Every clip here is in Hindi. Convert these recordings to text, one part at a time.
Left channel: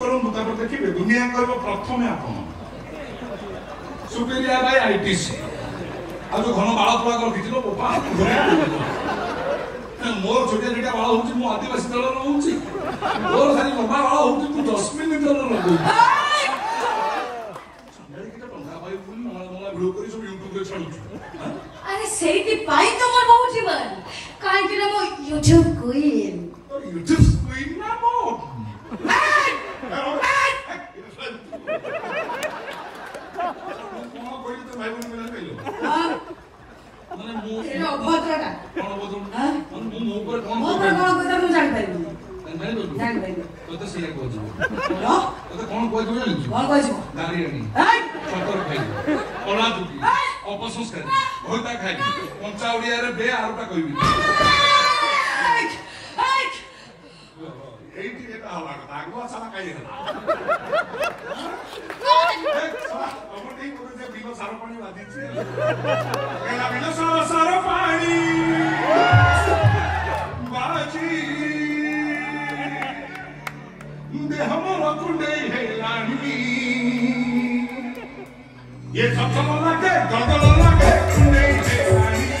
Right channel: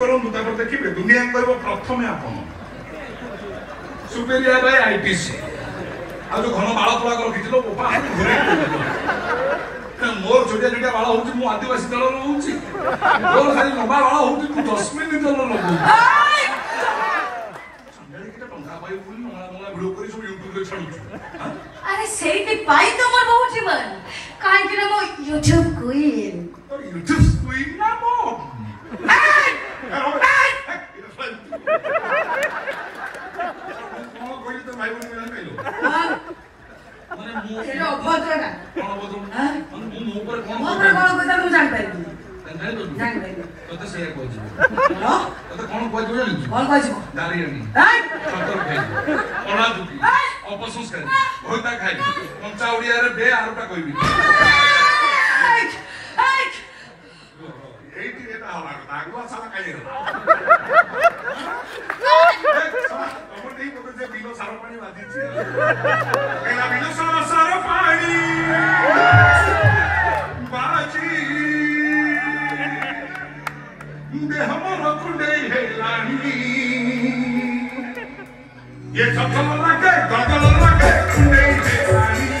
देखिए दुनिया प्रथम आप सुपेरिया बाय आईटीसी आज जो घन बाल थोड़ा रखी मोर छोटिया छोटिया बाल हूँ मु आदिवासी दल हूँ मोर खाली लंबा बाल हूँ तू 10 मिनिट दल लगू अरे सेठी पाई तो मोर बहुत जीवन काहे कि ना मो YouTube क्वीन ना मो भाई बोली मिला कहलो माने मु एलो भद्रटा कोन भद्र हां मु मु ऊपर कोन भद्र मु जान पाइबी जान पाइबी तो सेया कहू हेलो तो कोन कहू जानि कोन कहू दारियानी हां सतर खाइ कोना दुकी अपसंस्कारी होता खाइ पंचा ओडिया रे बे आरटा कहबी एठी एटा हवा कथा आगुआ साला काई ये सचल लगे गगल लगे कुंडे हेलानी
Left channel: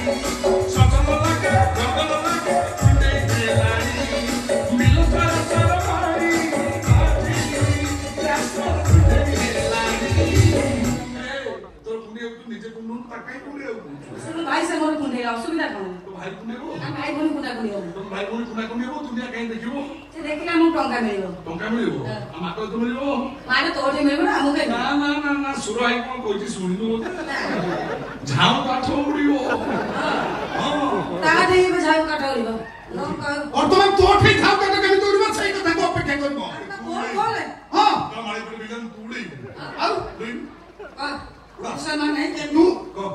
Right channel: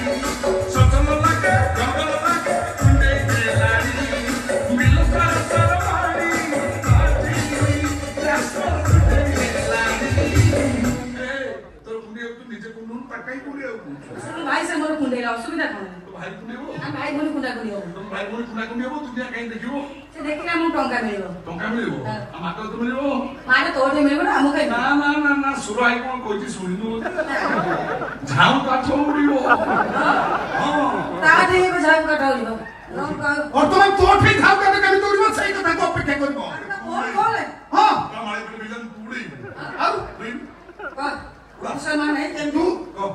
सचल लगे गगल लगे कुंडे हेलानी मिलकर सरवारी तो कुंडे तू नीचे कुंडू ताकाई कुंडे भाई से मोर कुंडे असुविधा कोन तो भाई कुंडे हो भाई बोली कुंडा कुंडे हो तो भाई बोली कुंडा कुंडे हो दुनिया कहीं देखिबो से देखिना मु टंका मिलिबो हम आको तो मिलिबो माने तोटे मिलिबो ना हम कहि ना सुरो आई कोन कोइती सुनिनु झाम काठ उड़िबो हां ता देबो झाम काठ उड़िबो और तुम्हें तो ठीक झाम काठ कभी उड़िबो सही कथा को अपेक्षा करबो बोल बोले हां हमारे को विजन पूरी और बिन का मुसलमान है तू को